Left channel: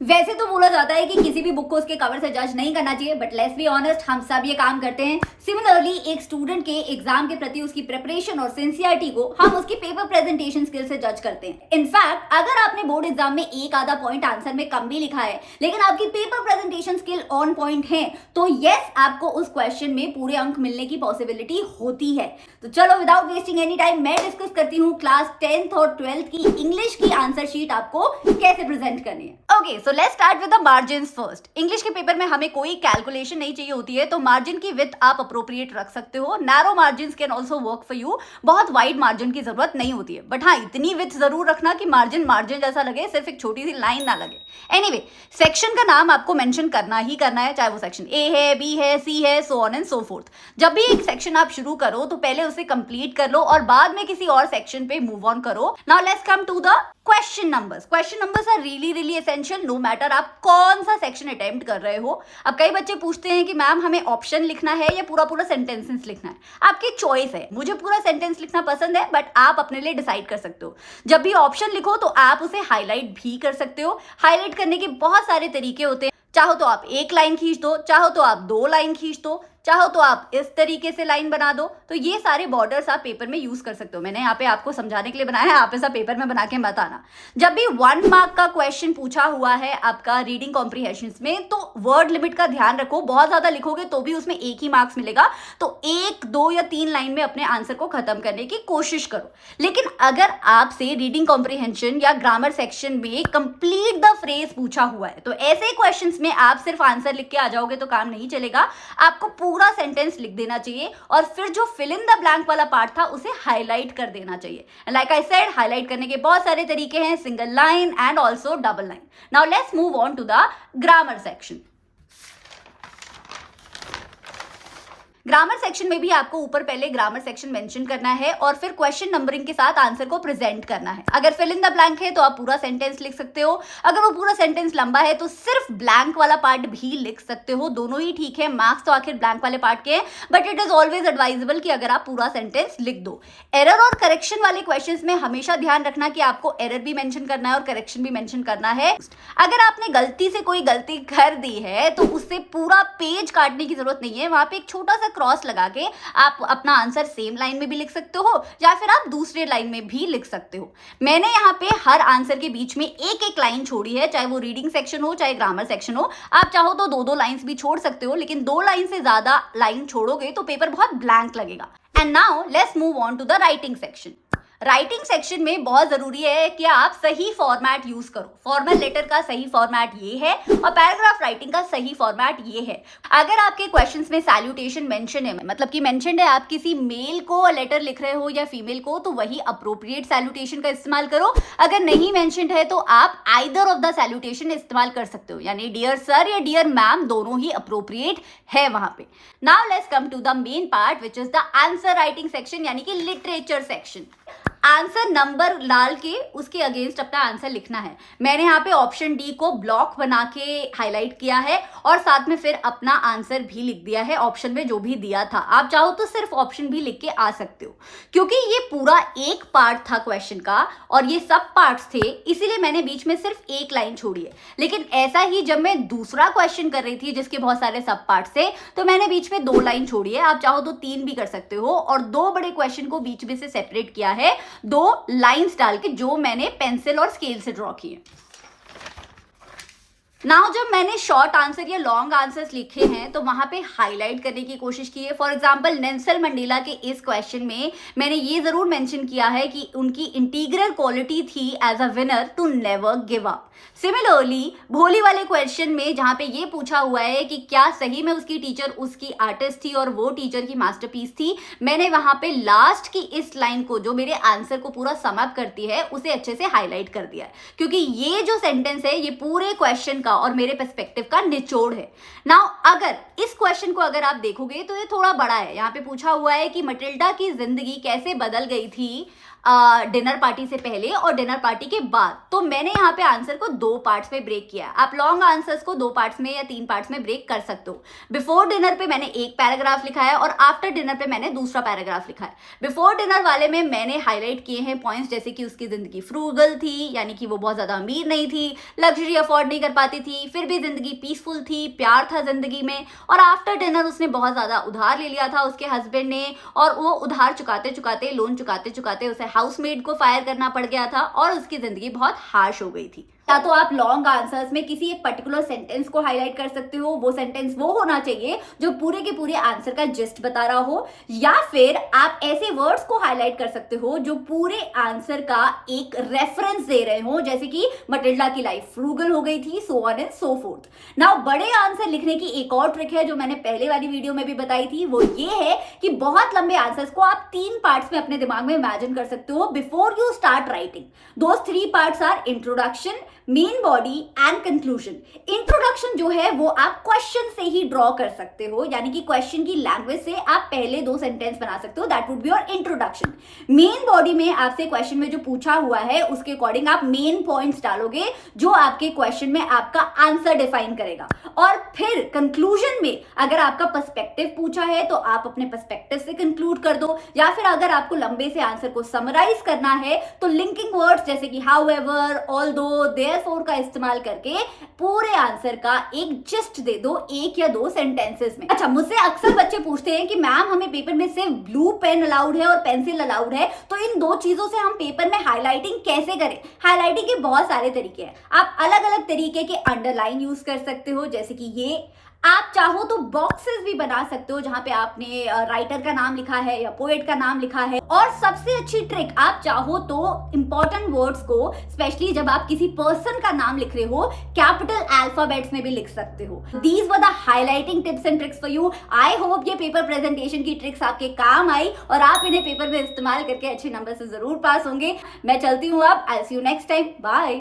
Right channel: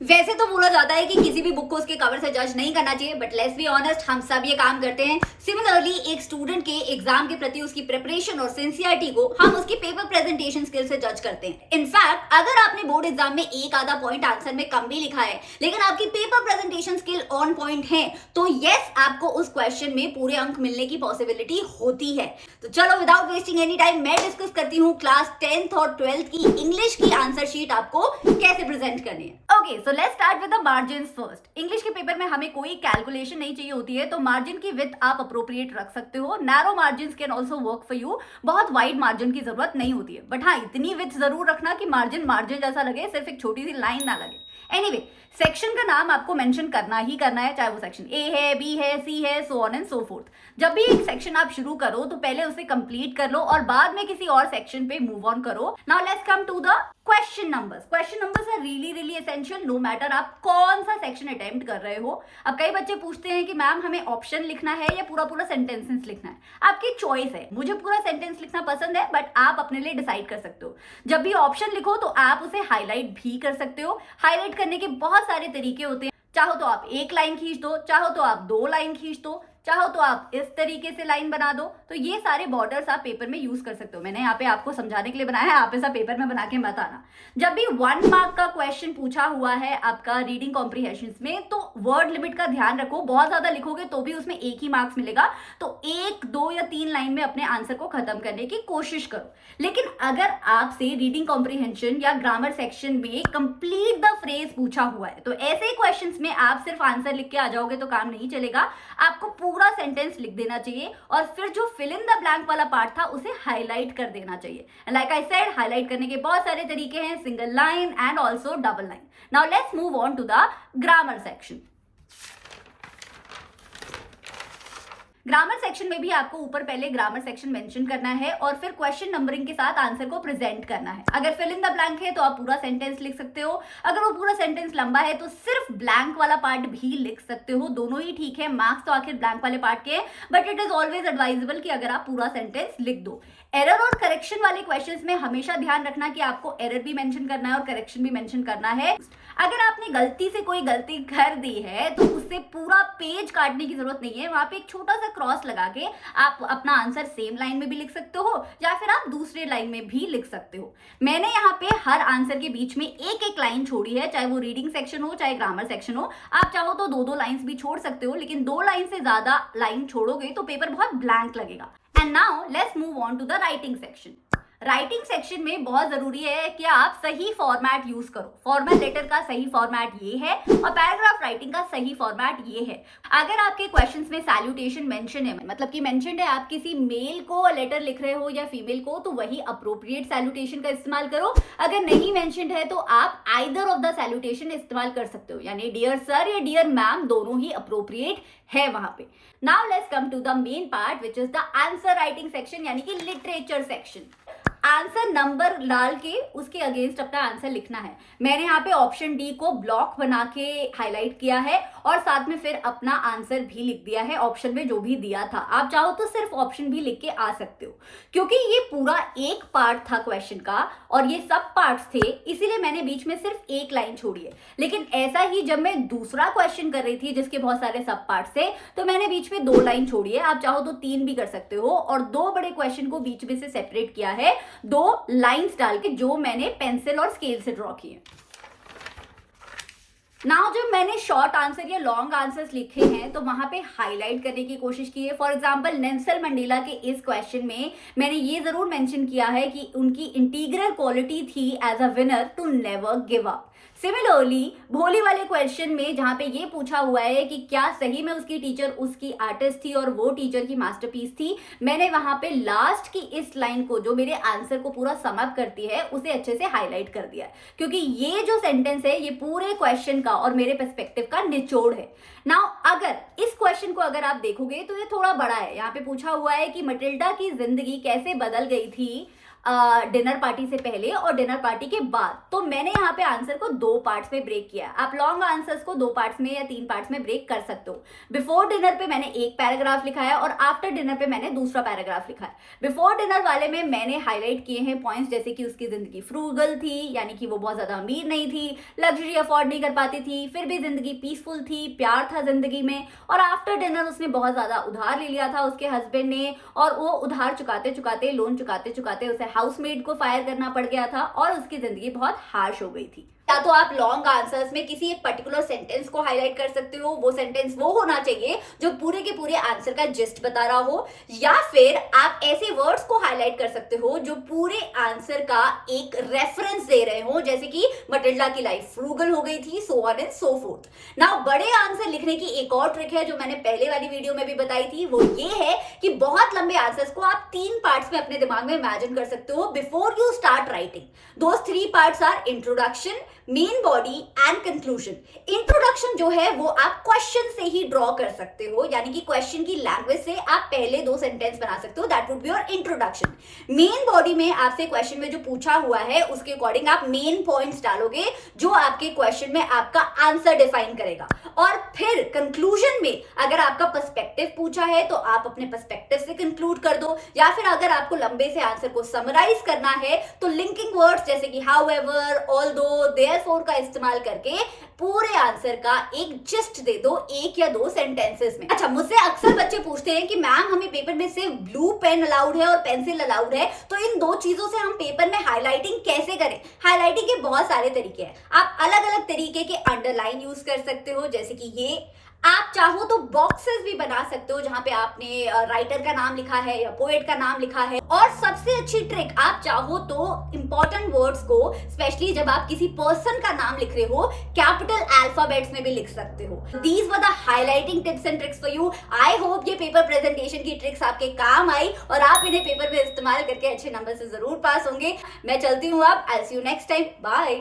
वैसे तो बोला जाता है कि किसी भी बुक को उसके कवर से जज नहीं करना चाहिए, बट लेट्स बी ऑनेस्ट, हम सब ये काम करते हैं। सिमिलरली एक स्टूडेंट के एग्जाम के प्रति उसकी प्रिपरेशन और सिंसियरिटी को हम उसकी पेपर प्रेजेंटेशन स्किल से जज करते हैं। इनफैक्ट अगर आपने बोर्ड एग्जाम में एक आधा पॉइंट आंसर में कम भी लिखा है, लेकिन आपकी paper presentation skill on point है, तो यस, आपको उस क्वेश्चन में पूरे अंक मिलने की पॉसिबिलिटी होती है। तो चलो विदाउट वेस्टिंग एनी टाइम मैं डिस्कस करती हूँ क्लास 10th और 12th की इंग्लिश की आंसर शीट आपको कैसे प्रेजेंट करनी है। Okay, so let's start with the margins first. English के पेपर में हमें कोई कैलकुलेशन नहीं चाहिए होती है, तो मार्जिन की विड्थ आप अप्रोप्रिएट रख सकते हो। Narrow margins can also work for you. बहुत वाइड मार्जिन की जरूरत नहीं होती है, बट हाँ, इतनी विड्थ जरूर रखना कि मार्जिन मार्जिन जैसा लगे, सिर्फ एक छोटी सी लाइन ना लगे। एनीवे, सेक्शन का नाम आपको मेंशन करना ही करना है, चाहे वो सेक्शन ए है, बी है, सी है, so on and so fourth. जब भी एक सेक्शन आप शुरू करो तो पहले उसे कंप्लीट कर लो और बाद में किसी और सेक्शन पे मूव ऑन करो। Now let's come to the question numbers. Question numbers are really essential, no matter आप कौन सा सेक्शन अटेम्प्ट कर रहे हो। अब कई बच्चे पूछते हैं कि मैम हमें ऑप्शन लिखना है या पूरा पूरा सेंटेंसेस लिखना है। आपकी चॉइस है। मुझे पूरा सेंटेंस लिखना पसंद है, बट आप अपने लिए डिसाइड कर सकते हो। जब भी ऑप्शन लिखो तो आप उसे हाईलाइट भी कर सकते हो। हाईलाइट करने के बहुत सारे तरीके होते हैं। चाहो तो आप एक लाइन खींच दो, चाहो तो आप दो लाइन खींच दो, चाहो तो आप इस तरीके से लाइन बना दो। तो ये सारे बॉर्डर्स आप पेपर में यूज कर सकते हो। मैंने यहाँ पे आपको समझाने के लिए बनाया है, आप ऐसा पेपर में बना के मत आना। जब भी 1 मार्क का क्वेश्चन पूछा हुआ है आपका रीडिंग कॉम्प्रिहेंशन में, तो वर्ड लिमिट का ध्यान रखो। बहुत ज्यादा लिखोगे तो भी उसमें एक ही मार्क्स मिलेगा, तो 1, 2 या 3 लाइन में अपने आंसर को खत्म करने की कोशिश करो। लेकिन अगर आपसे रीडिंग कॉम्प्रिहेंशन या ग्रामर सेक्शन में कंप्लीट द फ्रेज पूछा हुआ है, तो ऐसे क्वेश्चंस में आप सिर्फ आंसर लिख के आ जाओगे तो काम नहीं चलेगा। आपको पूरा सेंटेंस लिख देना चाहिए और फिर जो फिल इन द ब्लैंक वाला पार्ट था उसे हाईलाइट कर देना चाहिए। लाइक आई सेड, हाईलाइट करने के बहुत सारे तरीके हैं, single line and also double line. Now let's move on to the grammar section. Grammar section में भी आपको ऊपर पहले ग्रामर सेक्शन मेंशन करना है और फिर क्वेश्चन नंबरिंग के साथ आंसर को प्रेजेंट करना है। अगर फिल इन द ब्लैंक है तो आप पूरा सेंटेंस लिख सकते हो। अगर वो पूरा सेंटेंस लंबा है तो सिर्फ ब्लैंक वाला पार्ट भी लिख सकते हो। दोनों ही ठीक है, मार्क्स तो आखिर ब्लैंक वाले पार्ट के हैं, but it is always advisable कि अगर आप पूरा सेंटेंस लिख दो। एरर और करेक्शन वाले क्वेश्चंस में हमेशा ध्यान रखना कि आपको एरर भी मेंशन करना है और करेक्शन भी मेंशन करना है। अगर आपने गलती से कोई गलती कर दी है तो उससे पूरा पेज काटने की जरूरत नहीं है। वहां पे एक छोटा सा क्रॉस लगा के आप अपना आंसर सेम लाइन में भी लिख सकते हो या फिर आप दूसरे लाइन में भी लिख सकते हो। मैंने यहाँ पे हर आंसर के बीच में एक एक लाइन छोड़ी है, चाहे वो रीडिंग सेक्शन हो चाहे ग्रामर सेक्शन हो। आप चाहो तो दो दो लाइंस भी छोड़ सकते हो, लेकिन 2 लाइन से ज्यादा लाइन छोड़ोगे तो पेपर बहुत ब्लैंक लगेगा। And now let's move on to the writing section. Writing section में बहुत जरूरी है कि आप सही फॉर्मेट यूज करो। फॉर्मल लेटर का सही फॉर्मेट ये है और पैराग्राफ राइटिंग का सही फॉर्मेट ये है। अगर आपके क्वेश्चंस में सैल्यूटेशन मेंशन है, मतलब कि मेंशन्ड है आप किसी मेल को लेटर लिख रहे हो या फीमेल को, तो वही अप्रोप्रिएट सैल्यूटेशन का इस्तेमाल करो। अगर नहीं मेंशन्ड है तो आप आइदर ऑफ द सैल्यूटेशन इस्तेमाल कर सकते हो, यानी डियर सर या डियर मैम दोनों ही अप्रोप्रिएट है वहां पे। Now let's come to the main part which is the answer writing section, यानी कि लिटरेचर सेक्शन। आंसर नंबर डाल के उसके अगेंस्ट अपना आंसर लिखना है। मैंने यहाँ पे ऑप्शन डी को ब्लॉक बना के हाईलाइट किया है और साथ में फिर अपना आंसर भी लिख दिया है ऑप्शन में जो भी दिया था। आप चाहो तो सिर्फ ऑप्शन भी लिख के आ सकते हो, क्योंकि ये पूरा एक पार्ट था क्वेश्चन का और ये सब पार्ट्स थे, इसीलिए मैंने बीच में सिर्फ एक लाइन छोड़ी है। लेकिन ऐसा ही जब मैं दूसरा क्वेश्चन कर रही थी जिसके बहुत सारे सब पार्ट्स थे, तो मैंने बीच में 2 लाइन छोड़ी है। आप चाहो तो 3 भी कर सकते हो और 2 बड़े क्वेश्चन को बीच में से सेपरेट किया है 2 लाइंस डाल के, जो मैंने पेंसिल और स्केल से ड्रॉ किए। नाउ जब मैंने शॉर्ट आंसर या लॉन्ग आंसर्स लिखे हैं तो वहां पे हाईलाइट करने की कोशिश की है। फॉर एग्जांपल नेल्सन मंडेला के इस क्वेश्चन में मैंने ये जरूर मेंशन किया है कि उनकी इंटीग्रल क्वालिटी थी as a winner to never give up. Similarly Bholi वाले क्वेश्चन में जहां पे ये पूछा हुआ है कि क्या सही में उसकी टीचर उसकी आर्टिस्ट थी और वो टीचर की मास्टरपीस थी, मैंने वहां पे लास्ट की इस लाइन को जो मेरे आंसर को पूरा सम अप करती है उसे अच्छे से हाईलाइट कर दिया है, क्योंकि ये जो सेंटेंस है ये पूरे क्वेश्चन का और मेरे पर्सपेक्टिव का निचोड़ है। नाउ अगर इस क्वेश्चन को अगर आप देखोगे तो ये थोड़ा बड़ा है। यहाँ पे पूछा हुआ है कि मटिल्डा की जिंदगी कैसे बदल गई थी डिनर पार्टी से पहले और डिनर पार्टी के बाद। तो मैंने यहाँ पे आंसर को 2 पार्ट्स में ब्रेक किया। आप लॉन्ग आंसर्स को 2 पार्ट्स में या 3 पार्ट्स में ब्रेक कर सकते हो। बिफोर डिनर पे मैंने एक पैराग्राफ लिखा है और आफ्टर डिनर पे मैंने दूसरा पैराग्राफ लिखा है। बिफोर डिनर वाले में मैंने हाईलाइट किए हैं पॉइंट्स, जैसे कि उसकी जिंदगी फ्रूगल थी, यानी कि वो बहुत ज्यादा अमीर नहीं थी, लग्जरी अफोर्ड नहीं कर पाती थी, फिर भी जिंदगी पीसफुल थी, प्यार था जिंदगी में। और आफ्टर डिनर उसने बहुत ज्यादा उधार ले लिया था उसके हस्बैंड ने, और वो उधार चुकाते चुकाते, लोन चुकाते चुकाते उसे हाउसमेड को फायर करना पड़ गया था और उसकी जिंदगी बहुत हार्श हो गई थी। या तो आप लॉन्ग आंसर्स में किसी एक पर्टिकुलर सेंटेंस को हाईलाइट कर सकते हो, वो सेंटेंस वो होना चाहिए जो पूरे के पूरे आंसर का जिस्ट बता रहा हो, या फिर आप ऐसे वर्ड्स को हाईलाइट कर सकते हो जो पूरे आंसर का एक रेफरेंस दे रहे हो, जैसे कि मटिल्डा की लाइफ फ्रूगल हो गई थी, so on and so fourth. Now बड़े आंसर लिखने की एक और ट्रिक है जो मैंने पहले वाली वीडियो में भी बताई थी, वो ये है कि बहुत लंबे आंसर्स को आप 3 पार्ट्स में अपने दिमाग में इमेजिन कर सकते हो before you start writing. Those 3 parts are introduction, main body and conclusion. Introduction जो है वो आप क्वेश्चन से ही ड्रॉ कर सकते हो, यानी कि क्वेश्चन की लैंग्वेज से आप पहले 2 सेंटेंस बना सकते हो, that would be your introduction. Main body में आपसे क्वेश्चन में जो पूछा हुआ है उसके अकॉर्डिंग आप मेन पॉइंट्स डालोगे जो आपके क्वेश्चन में आपका आंसर डिफाइन करेगा। और फिर कंक्लूजन में अगर आपका पर्सपेक्टिव पूछा है तो आप अपने पर्सपेक्टिव से कंक्लूड कर दो, या फिर अगर आपको लंबे से आंसर को समराइज करना है तो लिंकिंग वर्ड्स जैसे कि हाउएवर, ऑल्दो, देयरफॉर का इस्तेमाल करके पूरे आंसर का एक जिस्ट दे दो 1 या 2 सेंटेंसेस में। अच्छा, मुझसे अक्सर बच्चे पूछते हैं कि मैम हमें पेपर में सिर्फ ब्लू पेन अलाउड है और पेंसिल अलाउड है, तो इन 2 चीजों से हम पेपर में हाईलाइटिंग कैसे करें? हाईलाइटिंग के बहुत सारे तरीके हैं। आप अलग अलग तरीके के अंडरलाइन यूज कर सकते हो, जैसे कि ये। आप चाहो तो बॉक्सेस भी बना सकते हो जहां पे आपने राइटर का नाम लिखा है या पोएट का नाम लिखा है। और सबसे अच्छी ट्रिक, आप चाहो तो इंपॉर्टेंट वर्ड्स को, स्पेशली जब आप किसी पर्सन का नाम लिख रहे हो, कैपिटल अल्फाबेट्स में भी लिख सकते हो। These were the highlighting tips and tricks for you. I hope ये पेपर प्रेजेंटेशन की ट्रिक्स आपके काम आई और आप इन्हें पेपर में इस्तेमाल करके अच्छे नंबर से जरूर पास होंगे। मैं चलती हूँ अब, आई सी यू नेक्स्ट टाइम, बाय।